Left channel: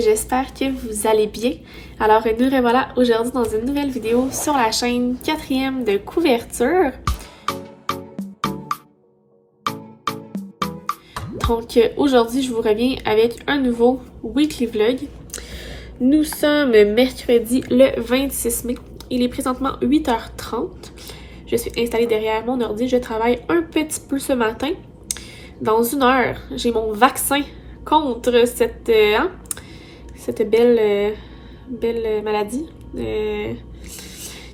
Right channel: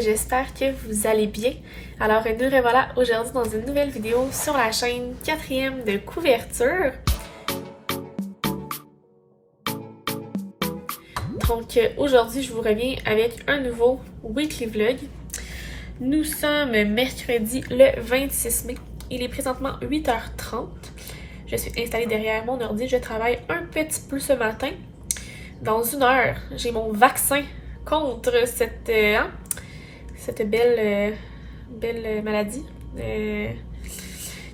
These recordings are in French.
j'espère que vous allez bien. Alors nous revoilà aujourd'hui dans une nouvelle vidéo sur la chaîne 4e de couverture. Donc aujourd'hui je vous reviens avec un nouveau weekly vlog. Nous sommes mercredi le 26 mai, il est présentement 8h30. Je suis installée derrière mon ordi, je travaille un petit peu ce matin. Dans une heure, j'ai mon vaccin contre cette belle maladie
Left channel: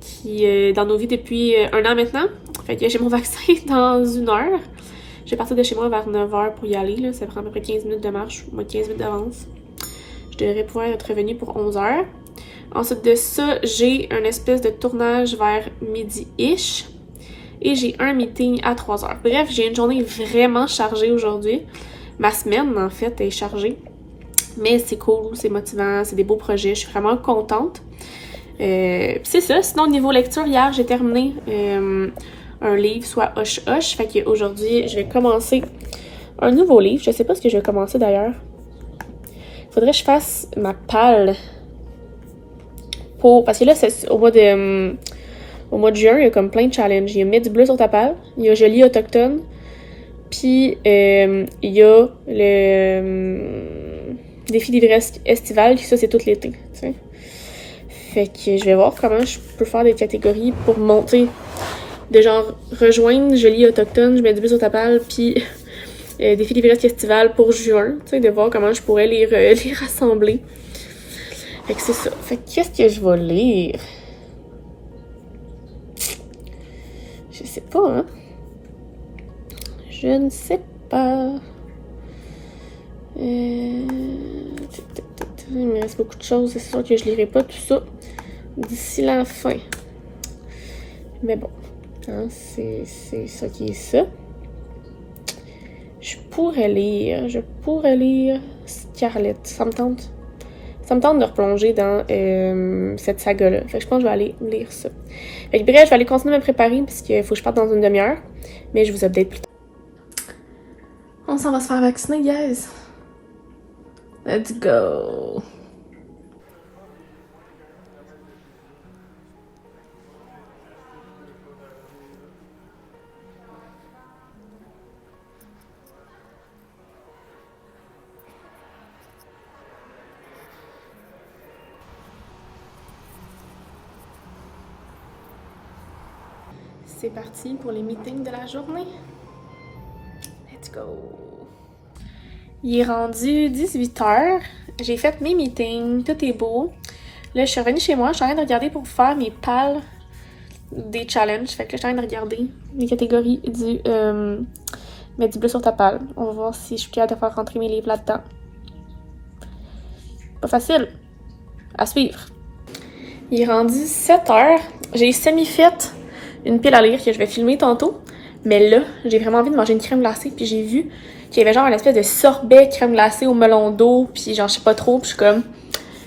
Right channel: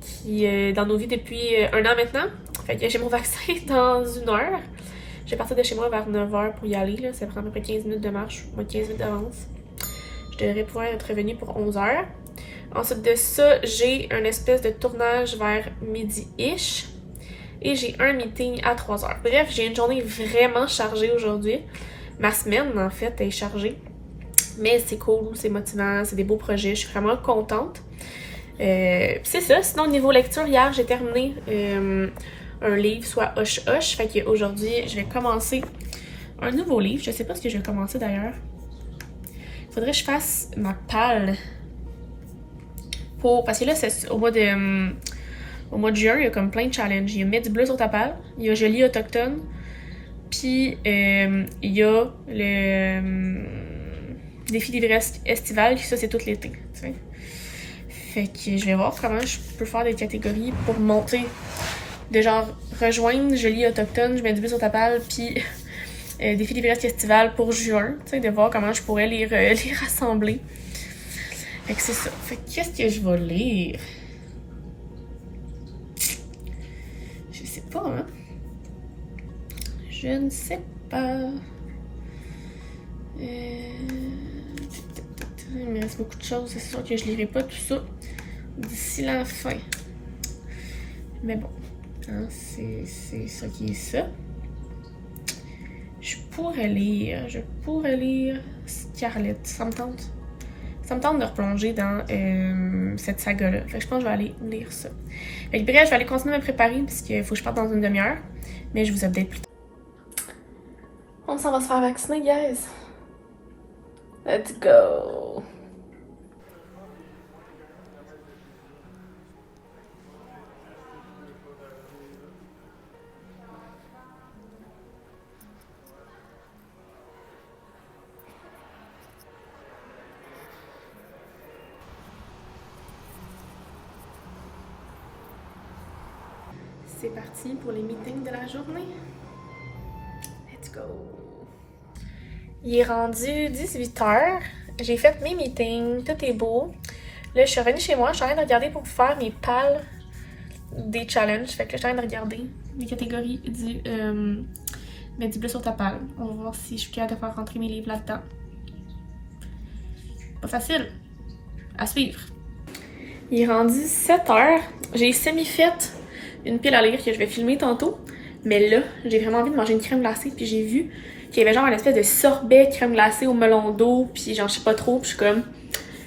qui est dans nos vies depuis un an maintenant. Fait que j'ai mon vaccin dans une heure. Je vais partir de chez moi vers 9h pour y aller. Là. Ça prend à peu près 15 minutes de marche, moi 15 minutes d'avance. Je devrais pouvoir être revenue pour 11h. Ensuite de ça, j'ai un espèce de tournage vers midi-ish. Et j'ai un meeting à 3h. Bref, j'ai une journée vraiment chargée aujourd'hui. Ma semaine, en fait, est chargée. Mais c'est cool, c'est motivant, c'est des beaux projets. Je suis vraiment contente. Puis c'est ça. Sinon, au niveau lecture, hier, j'ai terminé un livre, soit Hoche Hoche. Fait qu'aujourd'hui, je vais commencer un nouveau livre. Je sais pas ce que je vais commencer d'ailleurs. Faudrait que je fasse ma palle. Parce que là, c'est au mois de juin, il y a comme plein de challenges. Il y a Mets du bleu sur ta palle, il y a Je lis autochtone, puis il y a le défi livresque estival, ça c'est tout l'été, tu sais. Fait que je vais voir comment je peux faire des catégories pour monter, de genre rejoindre Je lis autochtone, Je mets du bleu sur ta palle, puis défi livresque estival pour juin, tu sais, de voir comment je pourrais les rassembler. Fait que c'est ça. Fait que qu'est-ce que je vais lire? Je sais pas, hein? Je ne sais pas. Il me reste beaucoup de choses, c'est sûr que je lirai pas tout ça d'ici la fin. Mais bon, hein, c'est ça qui est ça. Je pourrais lire Scarlett. Ça me tente de replonger dans cette saga-là. Fait que je pense que je vais aller lire ça. Fait que bref, je vais aller continuer à me préparer parce qu'il faut que je parte dans une demi-heure. Mais je vous update plus tard. On s'en va se faire vacciner, guys. Let's go. C'est parti pour les meetings de la journée. Let's go. Il est rendu 18h. J'ai fait mes meetings. Tout est beau. Là, je suis revenue chez moi. Je suis en train de regarder pour faire mes pales des challenges. Fait que là, je suis en train de regarder les catégories du Mets du bleu sur ta palle. On va voir si je suis capable de faire rentrer mes livres là-dedans. Pas facile. À suivre. Il est rendu 7h. J'ai semi-fait une pile à lire que je vais filmer tantôt. Mais là, j'ai vraiment envie de manger une crème glacée. Puis j'ai vu qu'il y avait genre une espèce de sorbet crème glacée au melon d'eau. Puis genre, je sais pas trop. Puis je suis comme,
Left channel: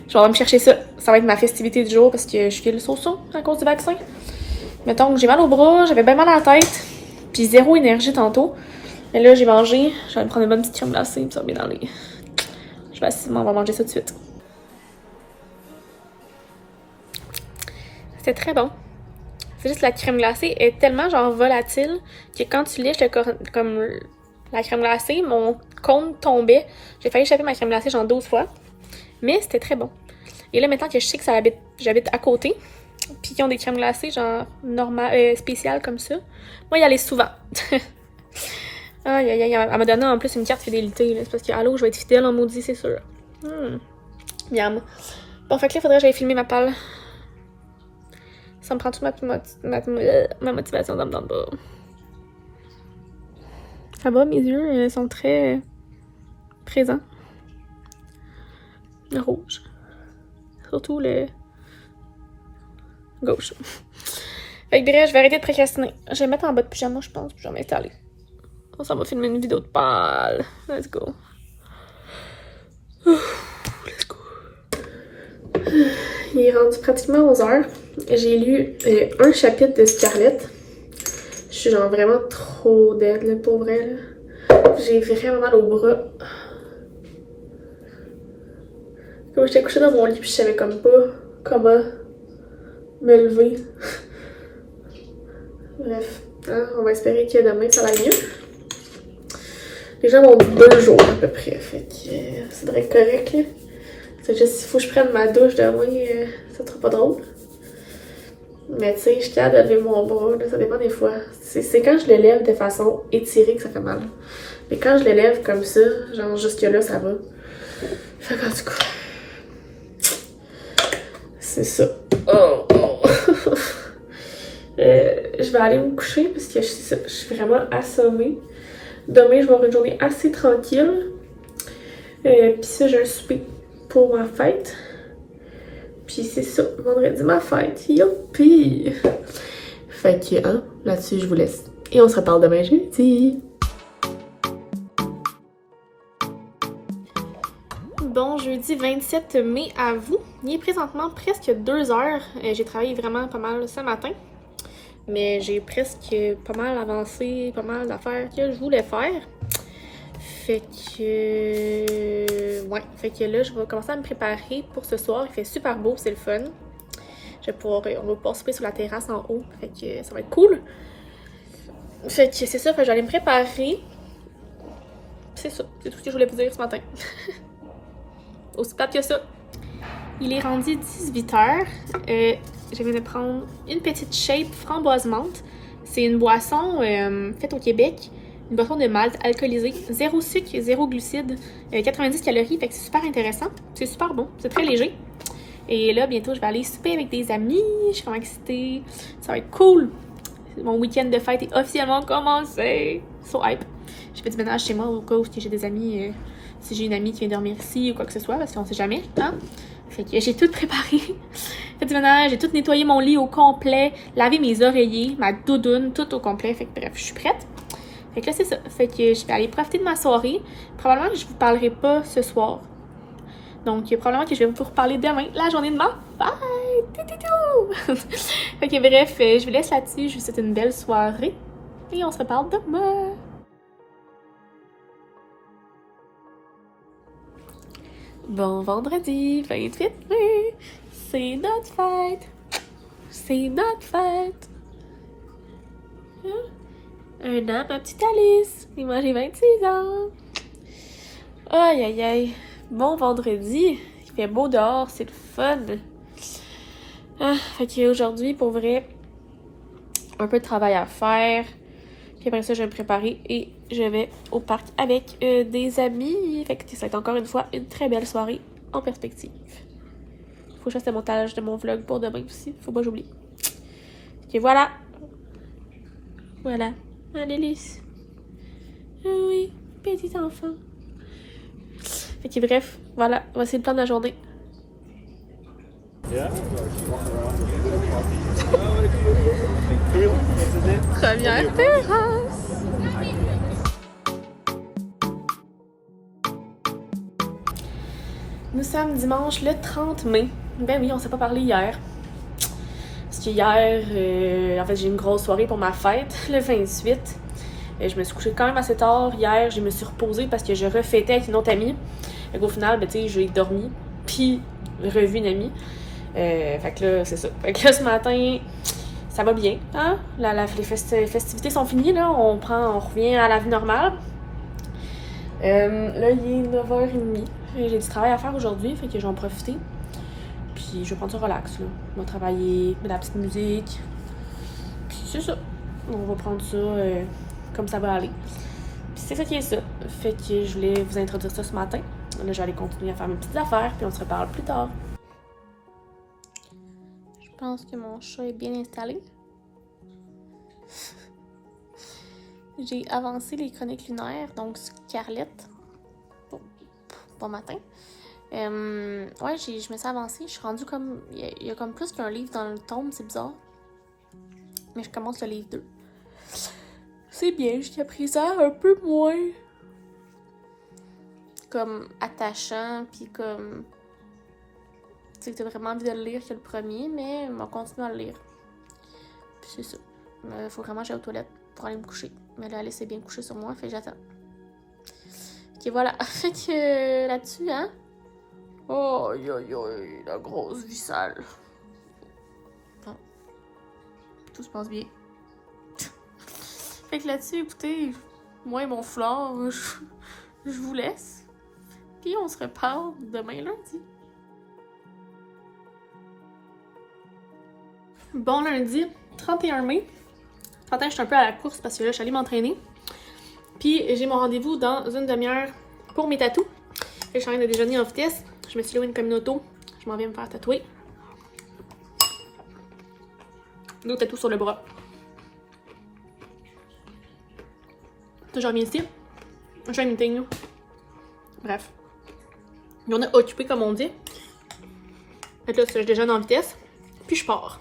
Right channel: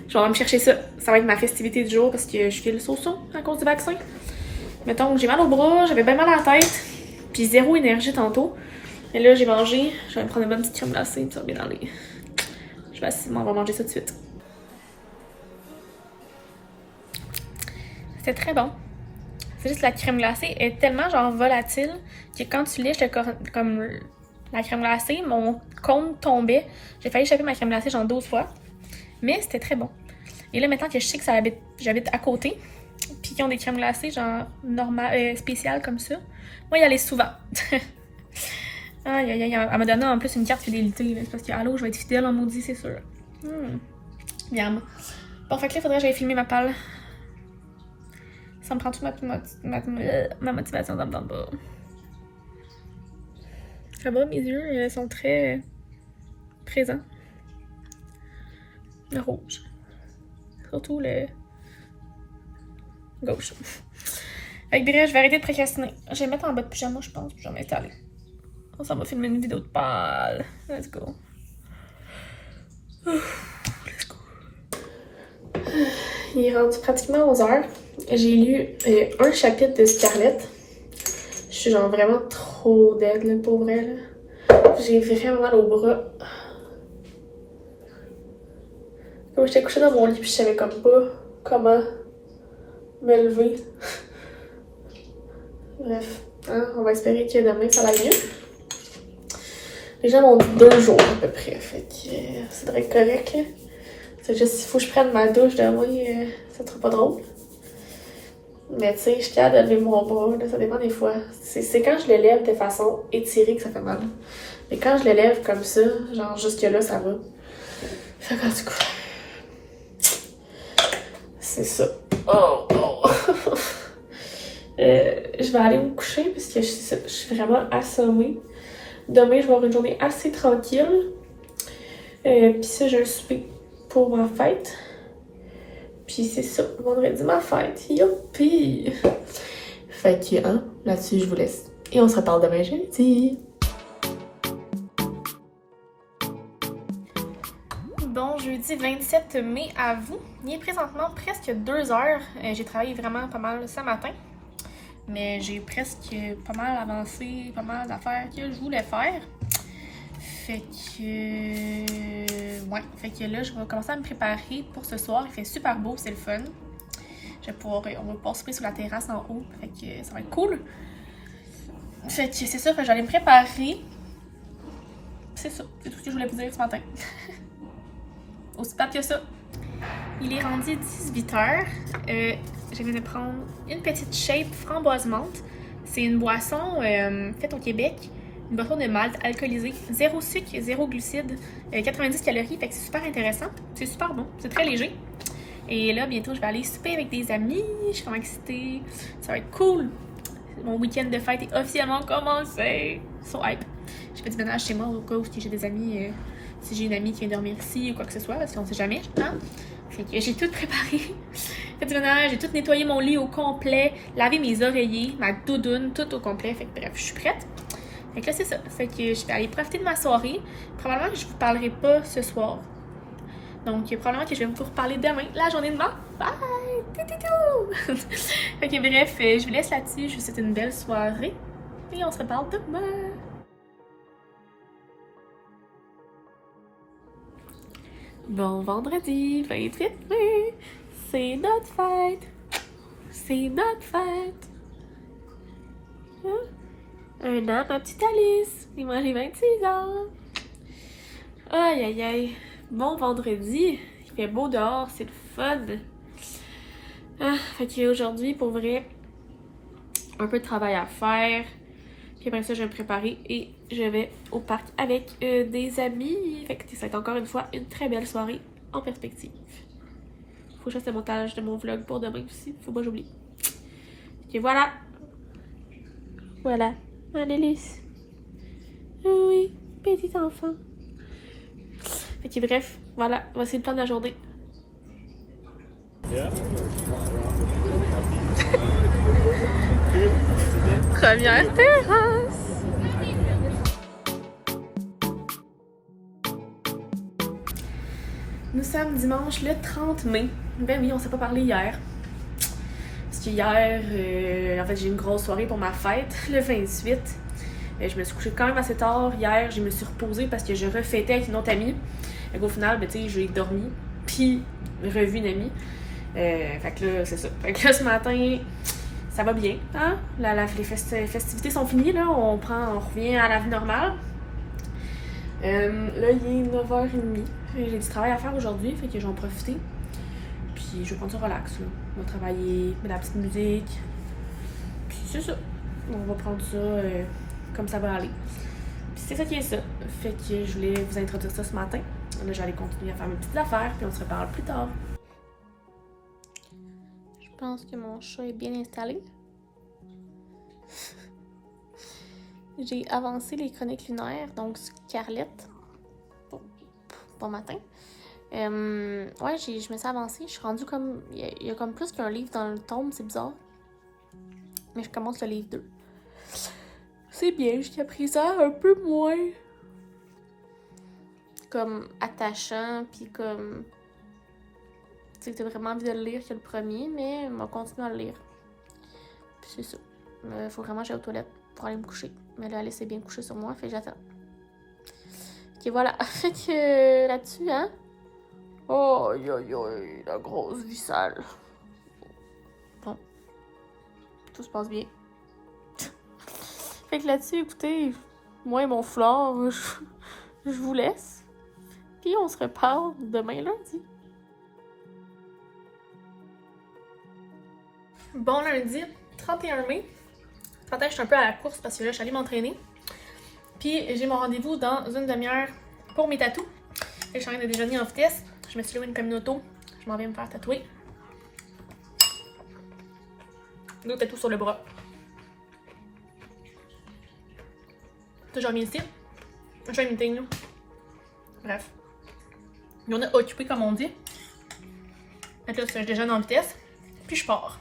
je vais aller me chercher ça. Ça va être ma festivité du jour parce que je fais le so-so à cause du vaccin. Mettons que j'ai mal au bras, j'avais bien mal à la tête. Puis zéro énergie tantôt. Mais là, j'ai mangé. Je vais aller me prendre une bonne petite crème glacée. Puis ça va bien aller. Je vais on va manger ça tout de suite. C'était très bon. C'est juste que la crème glacée est tellement genre volatile que quand tu lèches comme la crème glacée, mon cône tombait. J'ai failli échapper ma crème glacée genre 12 fois. Mais c'était très bon. Et là, maintenant que je sais que j'habite à côté, puis qu'ils ont des crèmes glacées genre normales, spéciales comme ça, moi, y aller souvent. Aïe, aïe, aïe, elle m'a donné en plus une carte fidélité. C'est parce que, allô, je vais être fidèle en maudit, c'est sûr. Yam. Bon, fait que là, faudrait que j'aille filmer ma palle. Ça me prend toute ma motivation, ça me donne pas. Ça va, mes yeux sont très présents. Le rouge. Surtout le gauche. Fait que bref, je vais arrêter de procrastiner. Je vais me mettre en bas de pyjama, je pense, puis je vais m'installer. On s'en va filmer une vidéo de pâle. Let's go. Let's go. Il est rendu pratiquement 11h. J'ai lu un chapitre de Scarlett. Je suis genre vraiment trop dead, là, pour vrai. Là. J'ai vraiment mal au bras. Comme j'étais couchée dans mon lit puis je savais comme pas comment me lever. Bref, hein, on va espérer que demain ça aille mieux. Les gens m'ont dit 2 jours à peu près, fait que c'est très correct là. C'est juste s'il faut que je prenne ma douche demain, ça sera pas drôle. Mais tu sais, je suis capable de lever mon bras, là, ça dépend des fois. C'est quand je le lève de façon étirée que ça fait mal. Mais quand je le lève comme ça, genre jusque là, ça va. Fait qu'en tout cas, c'est ça. Oh, oh. Je vais aller me coucher parce que je suis vraiment assommée. Demain, je vais avoir une journée assez tranquille. Puis ça, j'ai un souper pour ma fête. Puis c'est ça, vendredi ma fête. Youpi! Fait que, hein, là-dessus, je vous laisse. Et on se reparle demain jeudi. Bon, jeudi 27 mai à vous. Il est présentement presque 2 heures. J'ai travaillé vraiment pas mal ce matin. Mais j'ai presque pas mal avancé, pas mal d'affaires que je voulais faire. Fait que... ouais, fait que là, je vais commencer à me préparer pour ce soir. Il fait super beau, c'est le fun. On va pouvoir souper sur la terrasse en haut. Fait que ça va être cool. Fait que c'est ça, fait que j'allais me préparer. C'est ça, c'est tout ce que je voulais vous dire ce matin. Aussi plate que ça. Il est rendu 18h. Je viens de prendre une petite shape framboise menthe. C'est une boisson faite au Québec. Une boisson de malt alcoolisée. 0 sucre, 0 glucides. 90 calories, fait que c'est super intéressant. C'est super bon, c'est très léger. Et là, bientôt, je vais aller souper avec des amis. Je suis vraiment excitée. Ça va être cool. Mon week-end de fête est officiellement commencé. So hype. Je fais du ménage chez moi au cas où j'ai des amis. Si j'ai une amie qui vient dormir ici ou quoi que ce soit, parce qu'on sait jamais. Hein? Fait que j'ai tout préparé. Fait du ménage, j'ai tout nettoyé mon lit au complet. Lavé mes oreillers, ma doudoune, tout au complet. Fait que bref, je suis prête. Fait que là, c'est ça. Fait que je vais aller profiter de ma soirée. Probablement que je vous parlerai pas ce soir. Donc, probablement que je vais vous reparler demain, la journée de ma fête. Fait que bref, je vous laisse là-dessus. Je vous souhaite une belle soirée. Et on se reparle demain. Bon vendredi 28 mai. C'est notre fête. C'est notre fête. Hein? Un an, ma petite Alice. Et moi, j'ai 26 ans. Aïe, aïe, aïe. Bon vendredi. Il fait beau dehors, c'est le fun. Ah, fait qu'aujourd'hui, pour vrai, un peu de travail à faire. Puis après ça, je vais me préparer et je vais au parc avec des amis. Fait que ça va être encore une fois une très belle soirée en perspective. Faut que je fasse le montage de mon vlog pour demain aussi. Faut pas que j'oublie. Ok, voilà. Voilà. Un délice. Ah oui, petit enfant. Fait que bref, voilà. Voici le plan de la journée. Première terrasse. Nous sommes dimanche le 30 mai. Ben oui, on s'est pas parlé hier. Parce que hier, en fait, j'ai eu une grosse soirée pour ma fête, le 28. Je me suis couchée quand même assez tard. Hier, je me suis reposée parce que je refêtais avec une autre amie. Fait qu'au final, ben, tu sais, j'ai dormi, puis revu une amie. Fait que là, c'est ça. Fait que là, ce matin, ça va bien, hein? Les festivités sont finies, là. On revient à la vie normale. Là, il est 9h30. J'ai du travail à faire aujourd'hui, fait que je vais en profiter. Puis je vais prendre ça relax, là. On va travailler, mettre de la petite musique. Puis c'est ça. On va prendre ça comme ça va aller. Puis c'est ça qui est ça. Fait que je voulais vous introduire ça ce matin. Là, j'allais continuer à faire mes petites affaires, puis on se reparle plus tard. Je pense que mon chat est bien installé. J'ai avancé les chroniques lunaires, donc Scarlett. Bon matin. Ouais, je me suis avancée. Je suis rendue comme... Il y a comme plus qu'un livre dans le tome, c'est bizarre. Mais je commence le livre 2. C'est bien, jusqu'à présent, un peu moins... comme attachant, puis comme... Tu sais que t'as vraiment envie de le lire que le premier, mais on va continuer à le lire. Puis c'est ça. Faut vraiment que j'aille aux toilettes pour aller me coucher. Mais là, Alice est bien couchée sur moi, fait que j'attends. Ok, voilà. Fait que là-dessus, hein? Oh, aïe, aïe, aïe, la grosse vie sale. Bon, tout se passe bien. Fait que là-dessus, écoutez, moi et mon flore, je vous laisse. Puis on se reparle demain lundi. Bon lundi, 31 mai. 31, je suis un peu à la course parce que là, je suis allée m'entraîner. Puis j'ai mon rendez-vous dans une demi-heure pour mes tatous. Là, je suis en train de déjeuner en vitesse. Je me suis loué une communauté. Je m'en vais me faire tatouer. D'autres tatous sur le bras. Je reviens ici. Je fais un meeting. Bref. On est occupé comme on dit. Fait que là, je déjeune en vitesse. Puis je pars.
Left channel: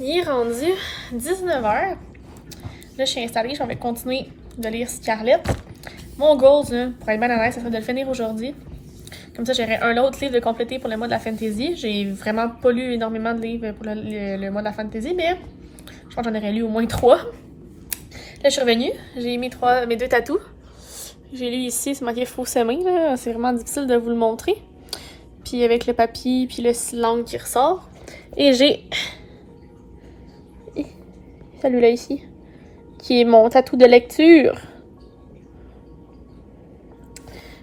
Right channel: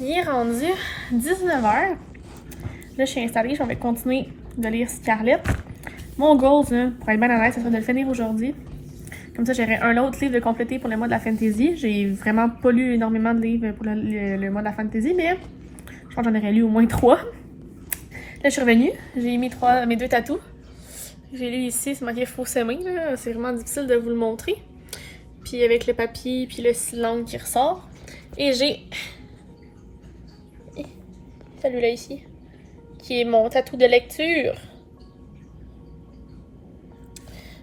Il est rendu 19h. Là, je suis installée, je vais continuer de lire Scarlet. Mon goal, là, pour être bien honnête, ça serait de le finir aujourd'hui. Comme ça, j'aurai un autre livre de compléter pour le mois de la fantasy. J'ai vraiment pas lu énormément de livres pour le mois de la fantasy, mais je pense que j'en aurais lu au moins 3. Là, je suis revenue. J'ai mis mes 2 tatous. J'ai lu ici, c'est marqué faux semé. C'est vraiment difficile de vous le montrer. Puis avec le papier, puis le langue qui ressort. Et j'ai celui-là ici, qui est mon tatou de lecture.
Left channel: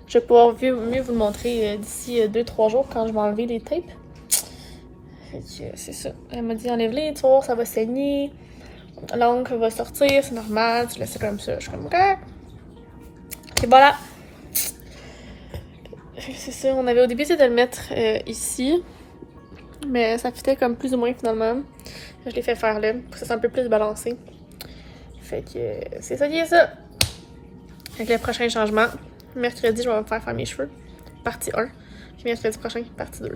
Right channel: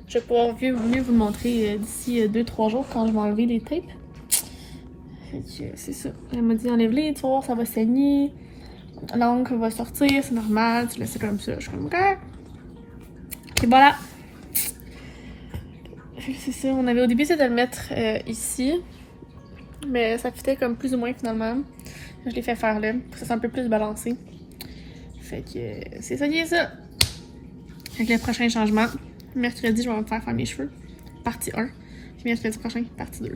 Je vais pouvoir mieux vous le montrer d'ici 2-3 jours quand je vais enlever les tapes. C'est ça. Elle m'a dit enlève-les, tu vois, ça va saigner. L'encre va sortir, c'est normal, tu laisses ça comme ça. Je suis comme ok. Et voilà. C'est ça, on avait au début essayé de le mettre ici. Mais ça fitait comme plus ou moins finalement. Je l'ai fait faire là, pour que ça soit un peu plus balancé. Fait que c'est ça qui est ça. Avec le prochain changement, mercredi, je vais me faire mes cheveux. Partie 1. Puis mercredi prochain, partie 2.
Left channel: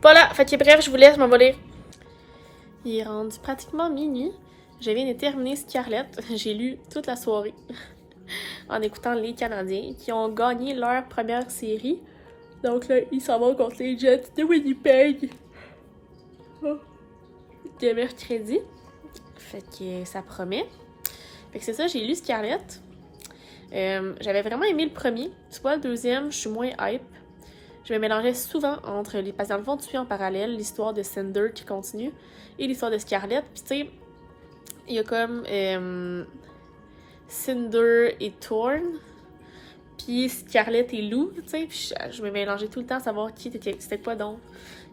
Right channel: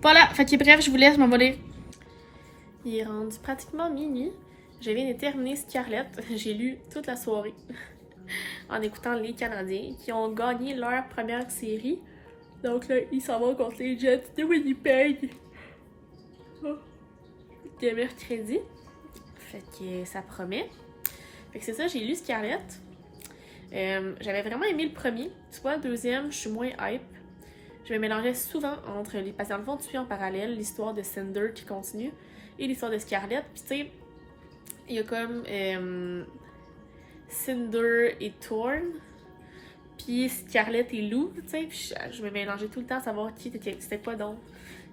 Voilà, fait que bref, je vous laisse, je m'en vais lire. Il est rendu pratiquement minuit. Je viens de terminer Scarlet. J'ai lu toute la soirée en écoutant les Canadiens qui ont gagné leur première série. Donc là, ils s'en vont contre les Jets de Winnipeg. De mercredi. Fait que ça promet. Fait que c'est ça, j'ai lu Scarlet. J'avais vraiment aimé le premier. Tu vois, le deuxième, je suis moins hype. Je me mélangeais souvent entre les patients de fond, tu suis en parallèle, l'histoire de Cinder qui continue et l'histoire de Scarlet. Puis tu sais, il y a comme Cinder et Thorn. Puis Scarlet et Lou, tu sais. Puis je me mélangeais tout le temps à savoir c'était quoi donc.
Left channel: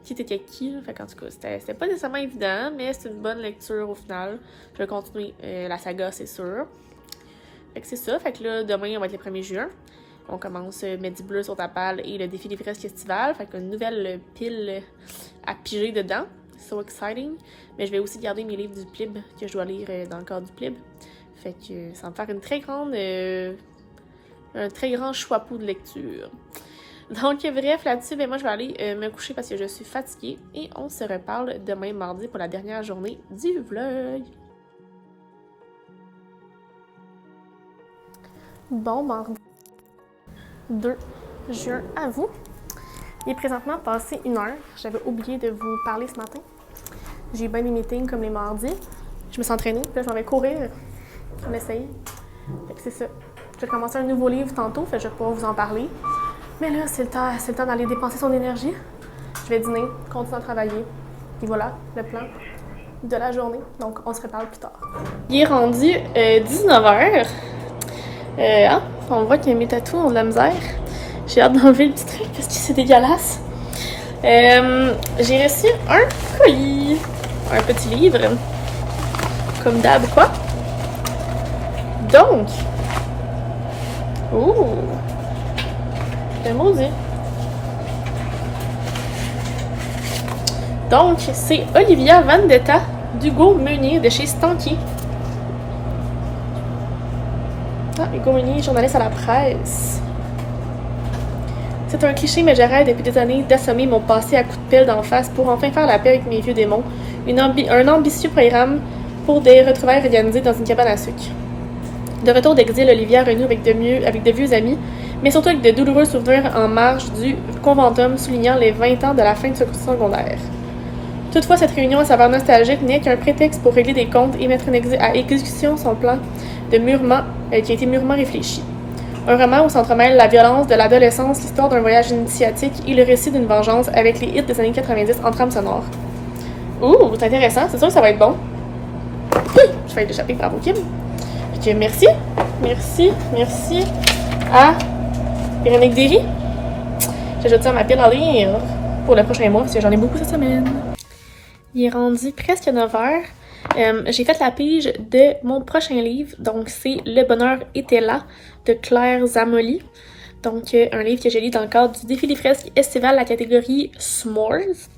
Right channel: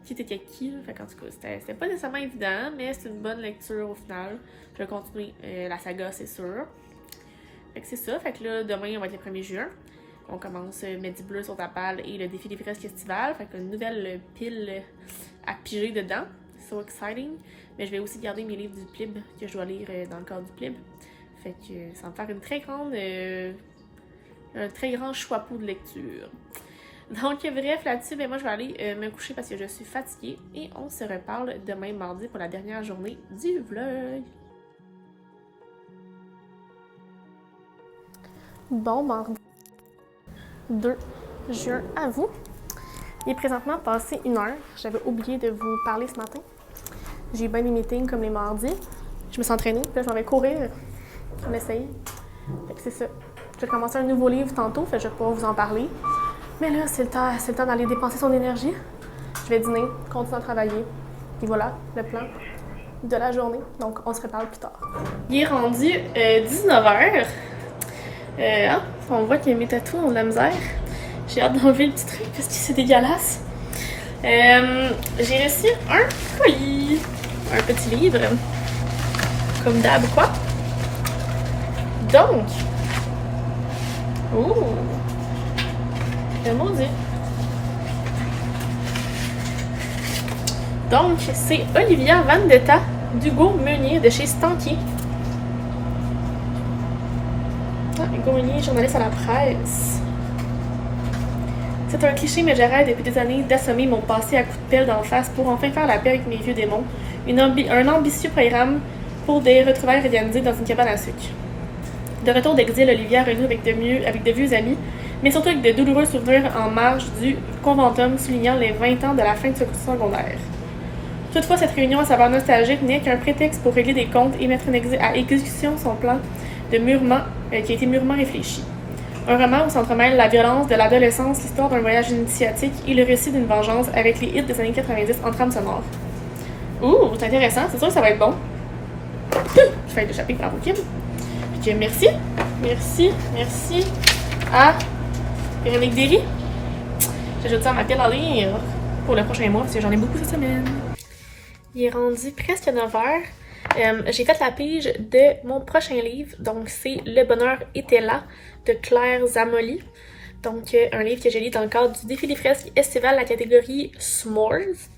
Qui était qui, là. Fait qu'en tout cas, c'était pas nécessairement évident, mais c'est une bonne lecture au final. Je vais continuer la saga, c'est sûr. Fait que c'est ça. Fait que là, demain, on va être le 1er juin. On commence Medi Bleu sur ta palle et le défi des fresques estivales. Fait qu'une nouvelle pile à piger dedans. So exciting. Mais je vais aussi garder mes livres du PLIB que je dois lire dans le cadre du PLIB. Fait que ça va me faire une très grande... un très grand choix-pou de lecture. Donc, bref, là-dessus, ben moi, je vais aller me coucher parce que je suis fatiguée. Et on se reparle demain, mardi, pour la dernière journée du vlog. Bon, mardi 2 juin à vous. Il est présentement passé 1 heure. J'avais oublié de vous parler ce matin. J'ai bien des meetings comme les mardis. Je me suis entraînée, puis là, je m'en vais courir. On essaye. Fait que c'est ça. Je vais commencer un nouveau livre tantôt, fait que je vais pouvoir vous en parler. Mais là, c'est le temps d'aller dépenser son énergie. Je vais dîner, continuer à travailler. Et voilà, le plan de la journée. Donc, on se reparle plus tard. Il est rendu 19h. On voit que mes tatous ont de la misère. J'ai hâte d'enlever le petit truc parce que c'est dégueulasse. J'ai reçu un colis. Un petit livre. Comme d'hab, quoi. Donc... Oh! C'est maudit. Donc, c'est Olivia Vendetta d'Hugo Meunier de chez Stanky. Ah, Hugo Meunier, journaliste à la presse. C'est un cliché, mais j'arrête depuis des années d'assommer mon passé à coups de pelle d'en face pour enfin faire la paix avec mes vieux démons. Un ambitieux programme pour des retrouvailles organisées dans une cabane à sucre. De retour d'exil, Olivia renoue avec de vieux amis, mais surtout avec de douloureux souvenirs en marge du conventum soulignant les 20 ans de la fin de ce cours secondaire. Toutefois, cette réunion à saveur nostalgique n'est qu'un prétexte pour régler des comptes et mettre à exécution son plan de qui a été mûrement réfléchi. Un roman où s'entremêlent la violence de l'adolescence, l'histoire d'un voyage initiatique et le récit d'une vengeance avec les hits des années 90 en trame sonore. Ouh, c'est intéressant, c'est sûr que ça va être bon. Je vais échapper, bravo Kim. Ok, merci à Véronique Derry. J'ajoute ça à ma pile à lire pour le prochain mois parce que j'en ai beaucoup cette semaine. Il est rendu presque 9h. J'ai fait la pige de mon prochain livre, donc c'est Le bonheur était là de Claire Zamoli. Donc un livre que j'ai lu dans le cadre du défi des fresques estival, la catégorie S'mores.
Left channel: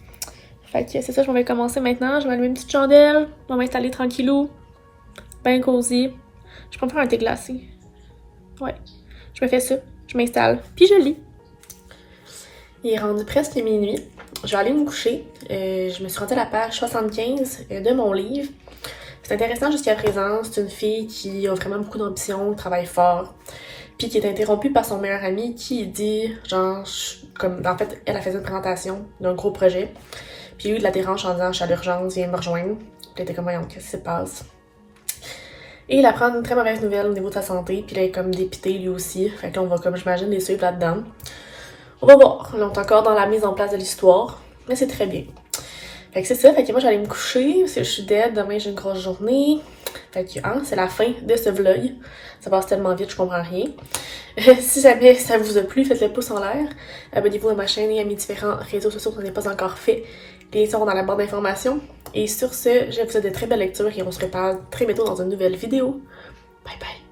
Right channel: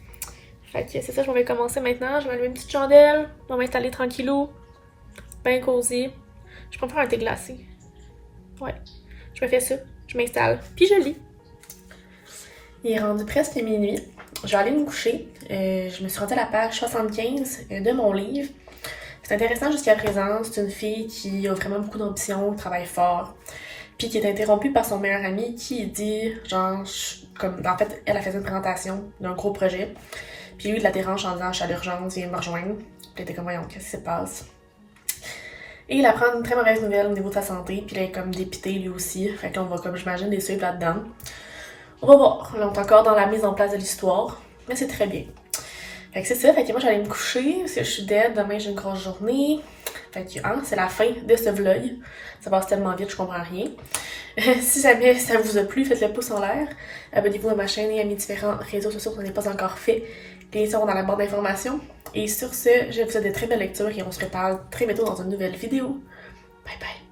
Fait que c'est ça, je vais commencer maintenant. Je vais allumer une petite chandelle, je vais m'installer tranquillou, bien cosy. Je peux me faire un thé glacé. Ouais, je me fais ça, je m'installe, puis je lis. Il est rendu presque minuit. Je vais aller me coucher. Je me suis rendue à la page 75 de mon livre. C'est intéressant jusqu'à présent. C'est une fille qui a vraiment beaucoup d'ambition, travaille fort, puis qui est interrompue par son meilleur ami qui dit, genre, en fait, elle a fait une présentation d'un gros projet. Puis lui, il la dérange en disant, je suis à l'urgence, viens me rejoindre. Puis elle était comme, qu'est-ce qui se passe? Et il apprend une très mauvaise nouvelle au niveau de sa santé, puis il est comme dépité lui aussi. Fait que là, on va, comme j'imagine, les suivre là-dedans. On va voir. Là, on est encore dans la mise en place de l'histoire, mais c'est très bien. Fait que c'est ça. Fait que moi, j'allais me coucher parce que je suis dead. Demain, j'ai une grosse journée. Fait que, c'est la fin de ce vlog. Ça passe tellement vite, je comprends rien. Si jamais ça vous a plu, faites le pouce en l'air. Abonnez-vous à ma chaîne et à mes différents réseaux sociaux si ce n'est pas encore fait. Les liens sont dans la barre d'informations. Et sur ce, je vous souhaite de très belles lectures et on se reparle très bientôt dans une nouvelle vidéo. Bye bye!